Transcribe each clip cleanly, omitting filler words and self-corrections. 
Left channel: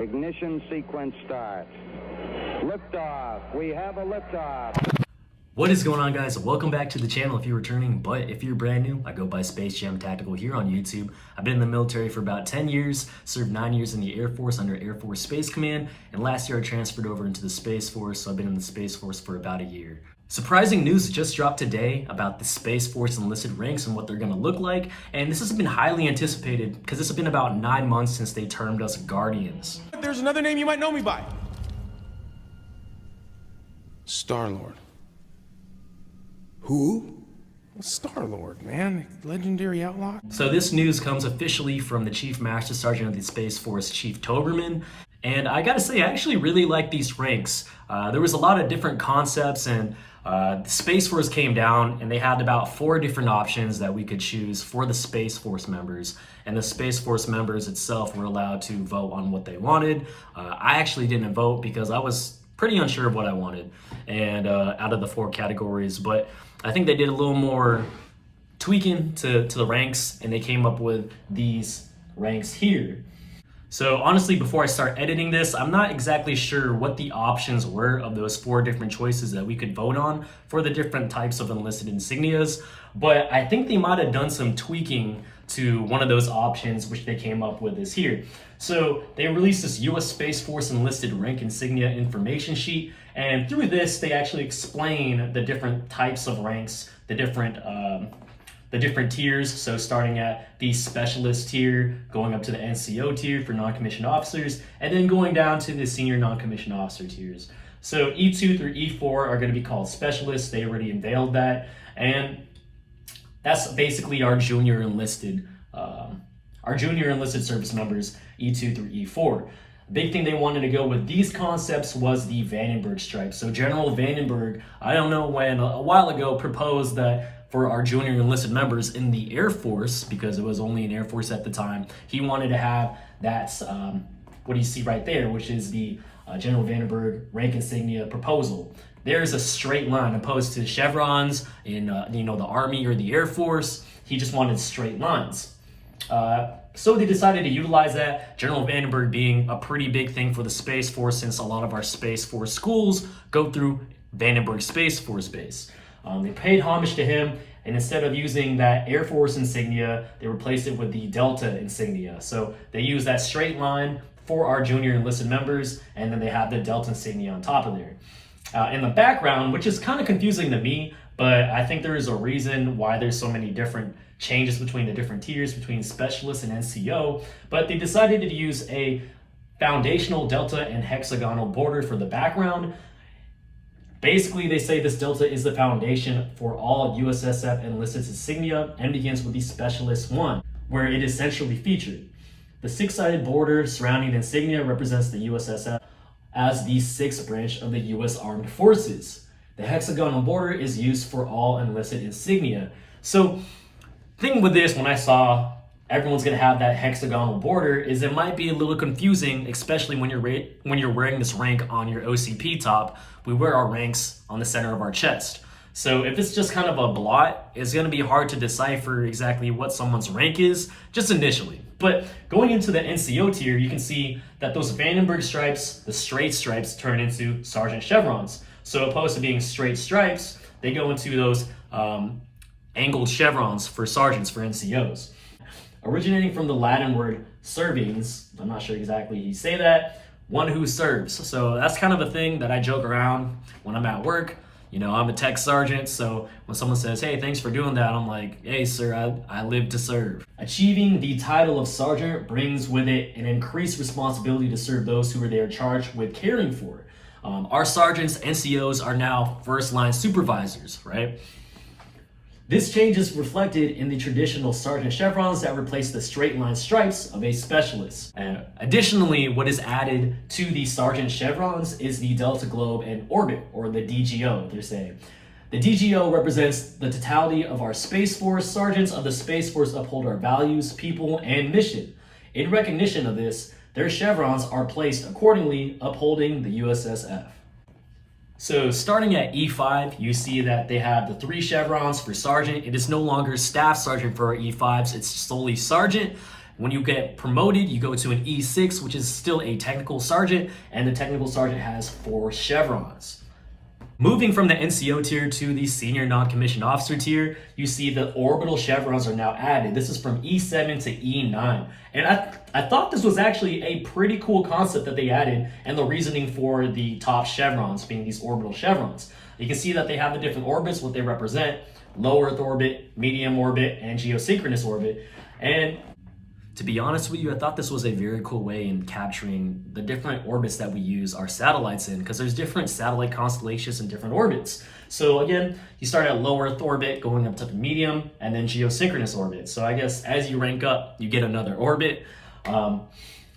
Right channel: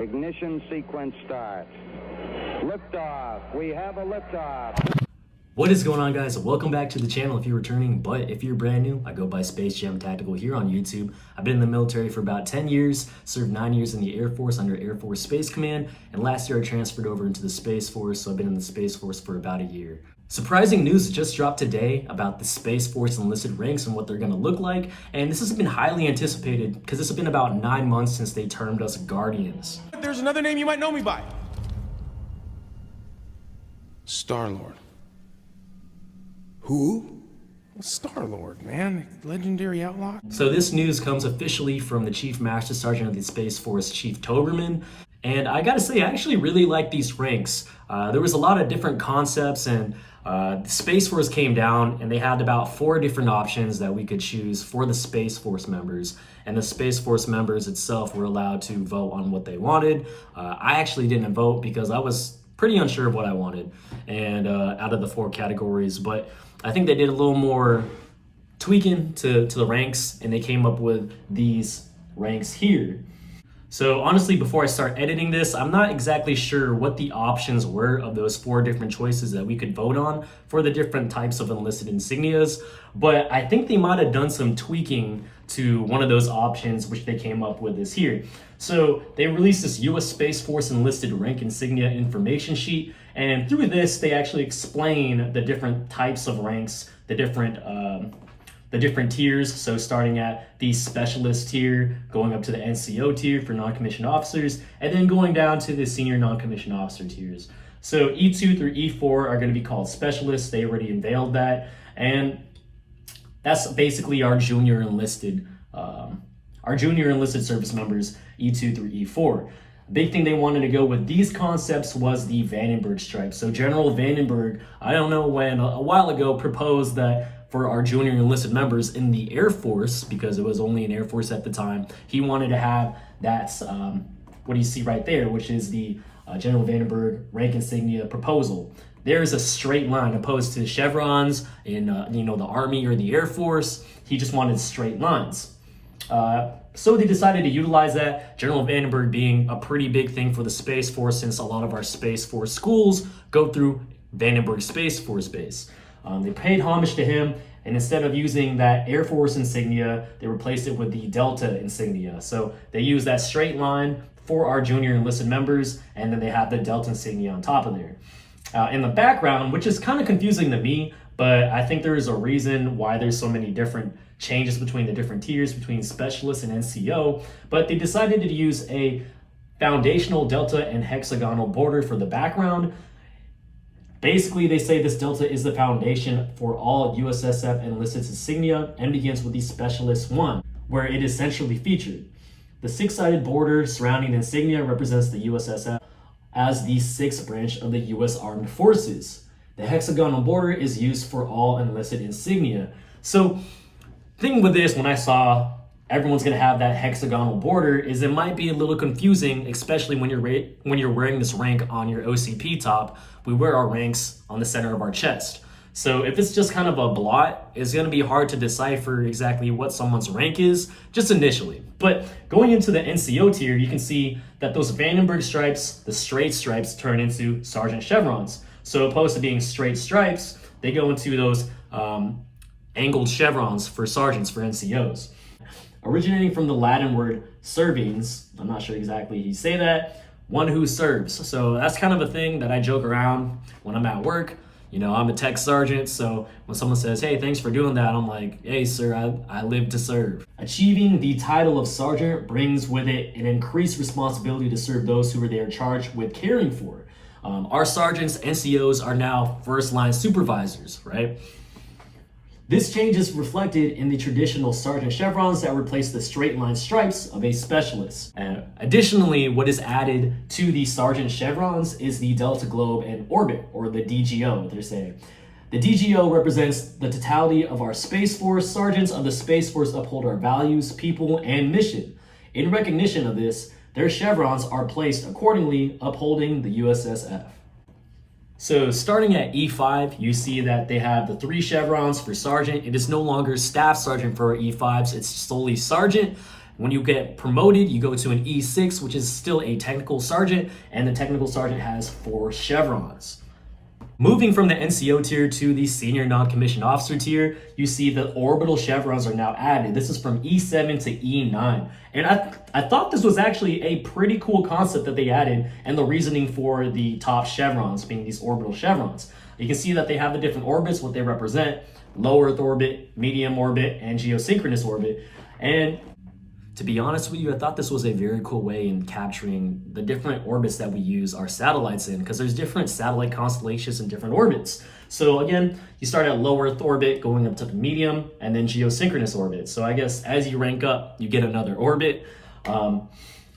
Ignition sequence start. Liftoff. We have a liftoff. What is going on, guys? Welcome back to the channel if you're returning, but if you're brand new, I go by Space Jam Tactical here on YouTube. I've been in the military for about 10 years, served 9 years in the Air Force under Air Force Space Command, and last year I transferred over into the Space Force, so I've been in the Space Force for about a year. Surprising news just dropped today about the Space Force enlisted ranks and what they're going to look like, and this has been highly anticipated because this has been about 9 months since they termed us Guardians. There's another name you might know me by. Star-Lord. Who? Star-Lord, man. Legendary outlaw. So this news comes officially from the Chief Master Sergeant of the Space Force, Chief Towberman. And I gotta say, I actually really like these ranks. There was a lot of different concepts, and the Space Force came down and they had about 4 different options that we could choose for the Space Force members. And the Space Force members itself were allowed to vote on what they wanted. I actually didn't vote because I was pretty unsure of what I wanted, and out of the 4 categories, but I think they did a little more tweaking to the ranks, and they came up with these ranks here. So honestly, before I start editing this, I'm not exactly sure what the options were of those 4 different choices that we could vote on for the different types of enlisted insignias, but I think they might have done some tweaking to one of those options, which they came up with is here. So they released this U.S. Space Force enlisted rank insignia information sheet, and through this, they actually explain the different types of ranks, the different tiers. So starting at the specialist tier, going up to the NCO tier for non-commissioned officers, and then going down to the senior non-commissioned officer tiers. So E2 through E4 are going to be called specialists. They already unveiled that, and that's basically our junior enlisted service members, E2 through E4. Big thing they wanted to go with these concepts was the Vandenberg stripe. So General Vandenberg, I don't know when, a while ago, proposed that for our junior enlisted members in the Air Force, because it was only an Air Force at the time, he wanted to have that, what you see right there, which is the General Vandenberg rank insignia proposal. There's a straight line opposed to chevrons in the Army or the Air Force. He just wanted straight lines. So they decided to utilize that, General Vandenberg being a pretty big thing for the Space Force, since a lot of our Space Force schools go through Vandenberg Space Force Base. They paid homage to him, and instead of using that Air Force insignia, they replaced it with the Delta insignia. So they use that straight line for our junior enlisted members, and then they have the Delta insignia on top of there. In the background, which is kind of confusing to me, but I think there is a reason why there's so many different changes between the different tiers, between specialists and NCO, but they decided to use a foundational delta and hexagonal border for the background. Basically, they say this delta is the foundation for all USSF enlisted insignia and begins with the Specialist 1, where it is centrally featured. The 6-sided border surrounding the insignia represents the USSF as the 6th branch of the U.S. Armed Forces. The hexagonal border is used for all enlisted insignia. So, thing with this, when I saw everyone's gonna have that hexagonal border, is it might be a little confusing, especially when you're wearing this rank on your OCP top. We wear our ranks on the center of our chest. So if it's just kind of a blot, it's gonna be hard to decipher exactly what someone's rank is, just initially. But going into the NCO tier, you can see that those Vandenberg stripes, the straight stripes, turn into sergeant chevrons. So opposed to being straight stripes, they go into those angled chevrons for sergeants, for NCOs. Originating from the Latin word servings, I'm not sure exactly how you say that, one who serves. So that's kind of a thing that I joke around when I'm at work. You know, I'm a tech sergeant, so when someone says, hey, thanks for doing that, I'm like, hey, sir, I live to serve. Achieving the title of sergeant brings with it an increased responsibility to serve those who are there charged with caring for. Our sergeants, NCOs, are now first-line supervisors, right? This change is reflected in the traditional sergeant chevrons that replace the straight line stripes of a specialist. Additionally, what is added to the sergeant chevrons is the Delta Globe and Orbit, or the DGO, they're saying. The DGO represents the totality of our Space Force. Sergeants of the Space Force uphold our values, people, and mission. In recognition of this, their chevrons are placed accordingly, upholding the USSF. So starting at E5, you see that they have the 3 chevrons for sergeant. It is no longer staff sergeant for our E5s, it's solely sergeant. When you get promoted, you go to an E6, which is still a technical sergeant, and the technical sergeant has 4 chevrons. Moving from the NCO tier to the senior non-commissioned officer tier, you see the orbital chevrons are now added. This is from E7 to E9. And I thought this was actually a pretty cool concept that they added, and the reasoning for the top chevrons being these orbital chevrons. You can see that they have the different orbits, what they represent: low Earth orbit, medium orbit, and geosynchronous orbit. And to be honest with you, I thought this was a very cool way in capturing the different orbits that we use our satellites in, because there's different satellite constellations and different orbits. So again, you start at low Earth orbit, going up to the medium, and then geosynchronous orbit. So I guess as you rank up, you get another orbit.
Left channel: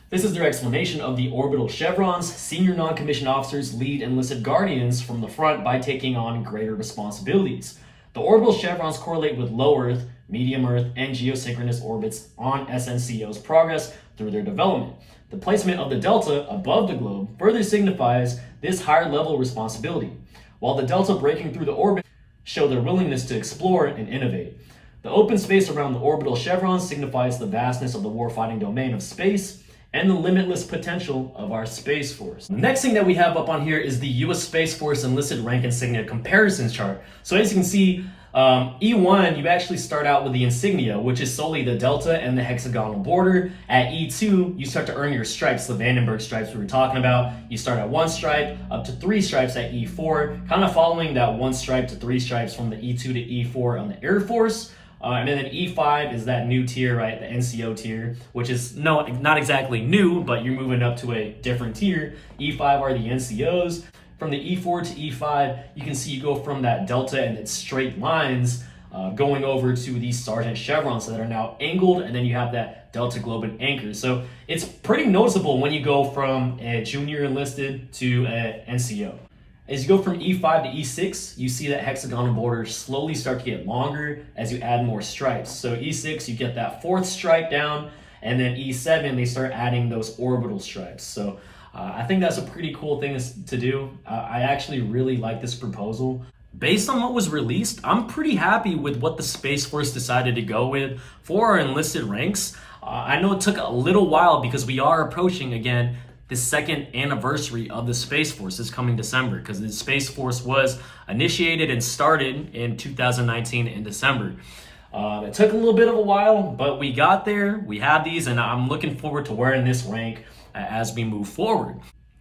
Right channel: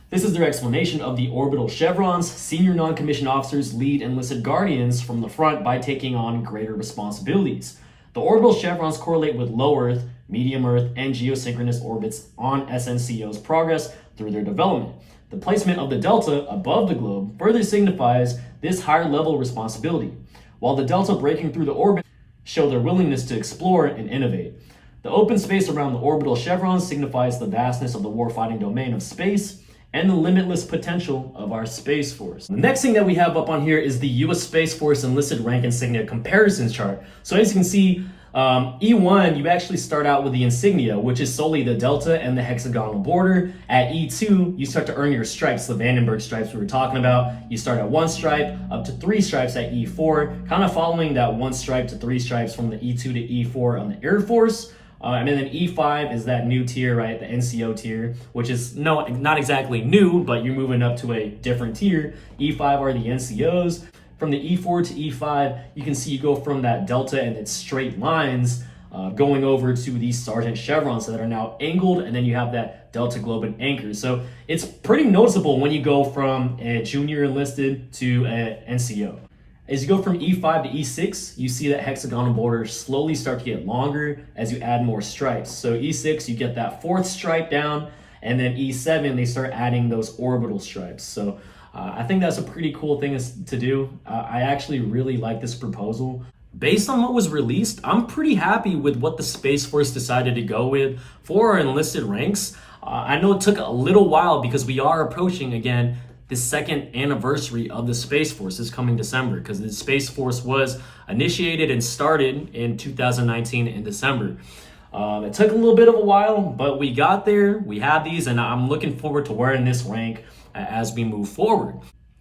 This is their explanation of the orbital chevrons. Senior non-commissioned officers lead enlisted guardians from the front by taking on greater responsibilities. The orbital chevrons correlate with low Earth, medium Earth, and geosynchronous orbits on SNCO's progress through their development. The placement of the delta above the globe further signifies this higher level responsibility, while the delta breaking through the orbit show their willingness to explore and innovate. The open space around the orbital chevrons signifies the vastness of the warfighting domain of space and the limitless potential of our Space Force. The next thing that we have up on here is the U.S. Space Force enlisted rank insignia comparisons chart. So as you can see, E1, you actually start out with the insignia, which is solely the delta and the hexagonal border. At E2, you start to earn your stripes, the Vandenberg stripes we were talking about. You start at 1 stripe up to 3 stripes at E4, kind of following that 1 stripe to 3 stripes from the E2 to E4 on the Air Force. And then E5 is that new tier, right? The NCO tier, which is not exactly new, but you're moving up to a different tier. E5 are the NCOs. From the E4 to E5, you can see you go from that delta and its straight lines going over to these sergeant chevrons that are now angled, and then you have that delta globe and anchor. So it's pretty noticeable when you go from a junior enlisted to a NCO. As you go from E5 to E6, you see that hexagonal border slowly start to get longer as you add more stripes. So E6, you get that 4th stripe down, and then E7, they start adding those orbital stripes. So I think that's a pretty cool thing to do. I actually really like this proposal. Based on what was released, I'm pretty happy with what the Space Force decided to go with for our enlisted ranks. I know it took a little while because we are approaching, again, the 2nd anniversary of the Space Force this coming December, because the Space Force was initiated and started in 2019 in December. It took a little bit of a while, but we got there. We have these, and I'm looking forward to wearing this rank as we move forward.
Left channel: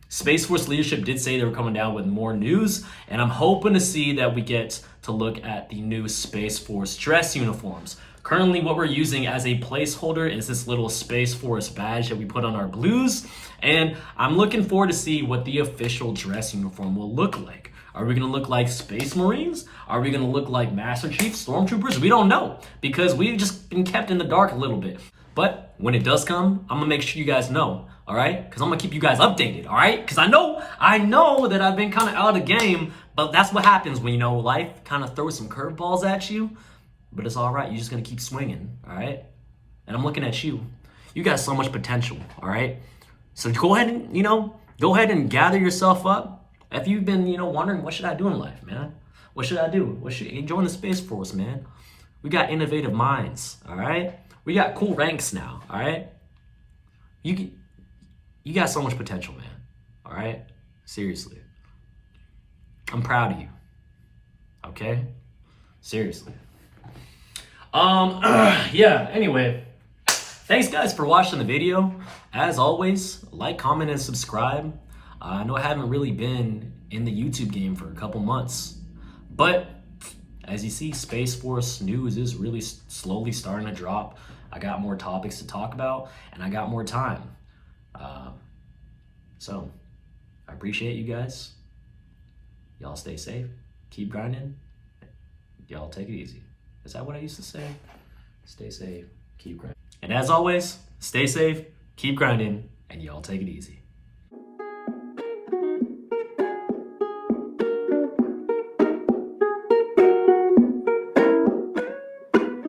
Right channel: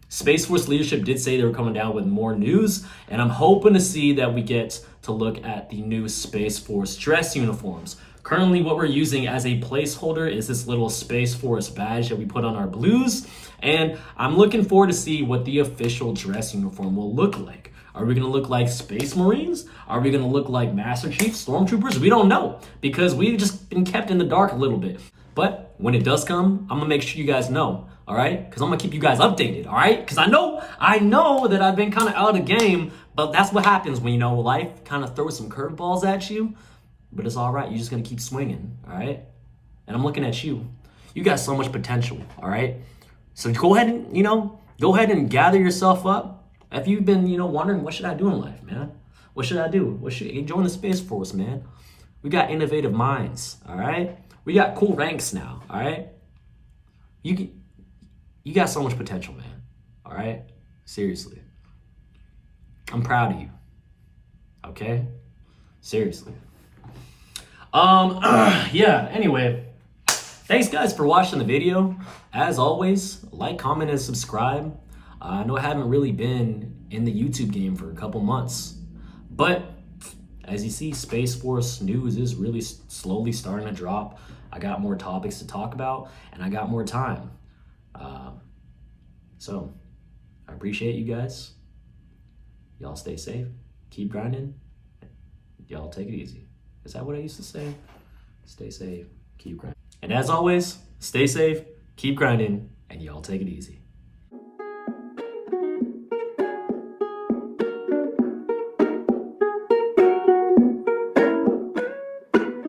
Space Force leadership did say they were coming down with more news, and I'm hoping to see that we get to look at the new Space Force dress uniforms. Currently, what we're using as a placeholder is this little Space Force badge that we put on our blues, and I'm looking forward to see what the official dress uniform will look like. Are we going to look like Space Marines? Are we going to look like Master Chief Stormtroopers? We don't know, because we've just been kept in the dark a little bit. But when it does come, I'm going to make sure you guys know, all right? Because I'm going to keep you guys updated, all right? Because I know that I've been kind of out of the game, but that's what happens when, life kind of throws some curveballs at you. But it's all right. You're just going to keep swinging, all right? And I'm looking at you. You got so much potential, all right? So go ahead and gather yourself up. If you've been, wondering, what should I do in life, man? What should I do? Join the Space Force, man. We got innovative minds, all right? We got cool ranks now, all right? You got so much potential, man, all right? Seriously. I'm proud of you, okay? Seriously. Yeah, anyway, thanks guys for watching the video. As always, like, comment, and subscribe. I know I haven't really been in the YouTube game for a couple months, but as you see, Space Force news is really slowly starting to drop. I got more topics to talk about, and I got more time. So I appreciate you guys. Y'all stay safe, keep grinding, y'all take it easy. Is that what I used to say? Stay safe, keep grinding. And as always, stay safe, keep grinding, and y'all take it easy.